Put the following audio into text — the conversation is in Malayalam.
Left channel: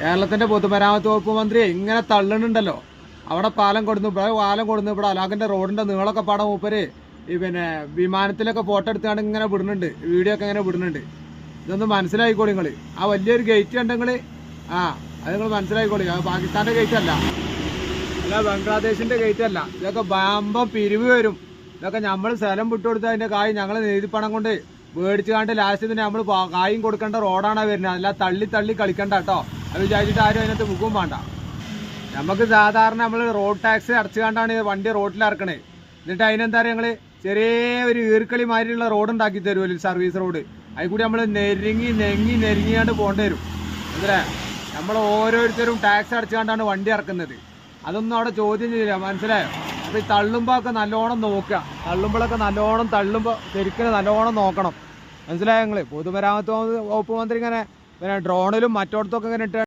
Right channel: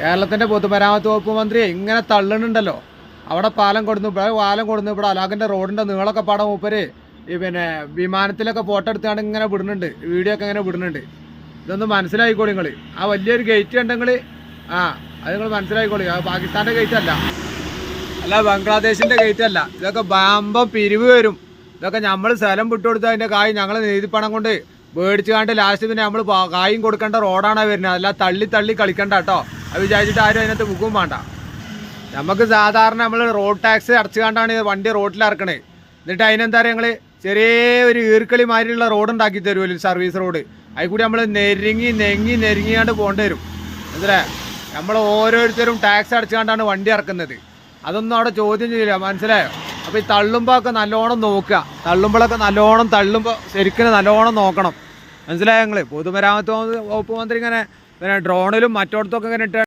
കേരളത്തിൻ്റെ പൊതുമരാമത്ത് വകുപ്പ് മന്ത്രി ഇങ്ങനെ തള്ളുന്നുണ്ടല്ലോ. അവിടെ പാലം കൊടുന്നു ഇവിടെ അലാഖിൻ്റെ റോഡിൻ്റെ നീളമൊക്കെ പാടാൻ മൂപ്പര് പിന്നെ വിമാനത്തിലൊക്കെ ഫോട്ടോ എടുത്താണ് ഇങ്ങനെ വിടുന്നുണ്ട്, വീഡിയോ ഒക്കെ ഇങ്ങനെ വിടുന്നുണ്ട്. ഇതൊന്ന് മനസ്സിലായിക്കോളി നിങ്ങൾ. ആ വലിയൊരു ഗേറ്റ് കണ്ടെങ്കിൽ അത് നിങ്ങൾ മനസ്സിലായിക്കോളി. അത് പാകിസ്ഥാൻ്റെ ഗേറ്റ് അല്ല ബംഗ്ലാദേശിൻ്റെ ഗേറ്റ് അല്ല. ഇതൊക്കെ ബാമ്പം പിരിവ് വരും. ഇതൊക്കെ നമ്മൾ സ്ഥലം വിട്ടുകൊടുത്താൽ അതിൻ്റെ കായ് ഞങ്ങൾ നീതിപ്പണം കൊണ്ട് മേടിച്ച് കണ്ട് ലാസ്റ്റ് പിന്നെ നമ്മൾ കായും കൊടുക്കേണ്ട റോഡാണ് വരുന്നത്. അല്ല തള്ളി കളിക്കണ്ട കേട്ടോ. അത് വിചാരിച്ചിട്ട് ആരും അതിനകത്ത് മുഖവും വേണ്ട. നമുക്ക് സാധാരണ നമ്മൾ റോഡ് ടാക്സ് അടച്ചു കണ്ടാണ് വണ്ടി റോഡിൽ ഇറക്കണേ. എന്നിട്ട് അതിനെന്താ പറയുക, ഞങ്ങൾ ചെറിയ ഒരു ഈർക്കളി മാതിരിയുള്ള റോഡ് ഉണ്ടാക്കി തരുമല്ലോ, സർവീസ് റോഡ്. അതിൽ കൂടി നമ്മൾ നെരുങ്ങിയാണ്ട് പോകേണ്ടി വരും. എന്താ നമ്മൾ ഓരോരുത്തരും ടാക്സ് അടച്ചുകൊണ്ടാണ് വണ്ടി ഇറക്കുന്നത്. അതൊന്നും അവിടെ ചോദ്യം ചെയ്യില്ല, മനസ്സിലായോ? അപ്പോൾ ഈ തള്ളുമ്പോൾ ഒക്കെ നല്ലോണം നോക്കുക. തള്ളുമ്പോൾ ശരിക്കും നല്ലോണം നോക്കണം, മനസ്സിലായോ? ഞങ്ങൾ പൊതുമരാമത്ത് വകുപ്പ് മന്ത്രി ഇങ്ങനെ പിന്നെ ഡ്രോണിലും മറ്റോടത്തൊക്കെ ഇങ്ങനെ ഇട്ട്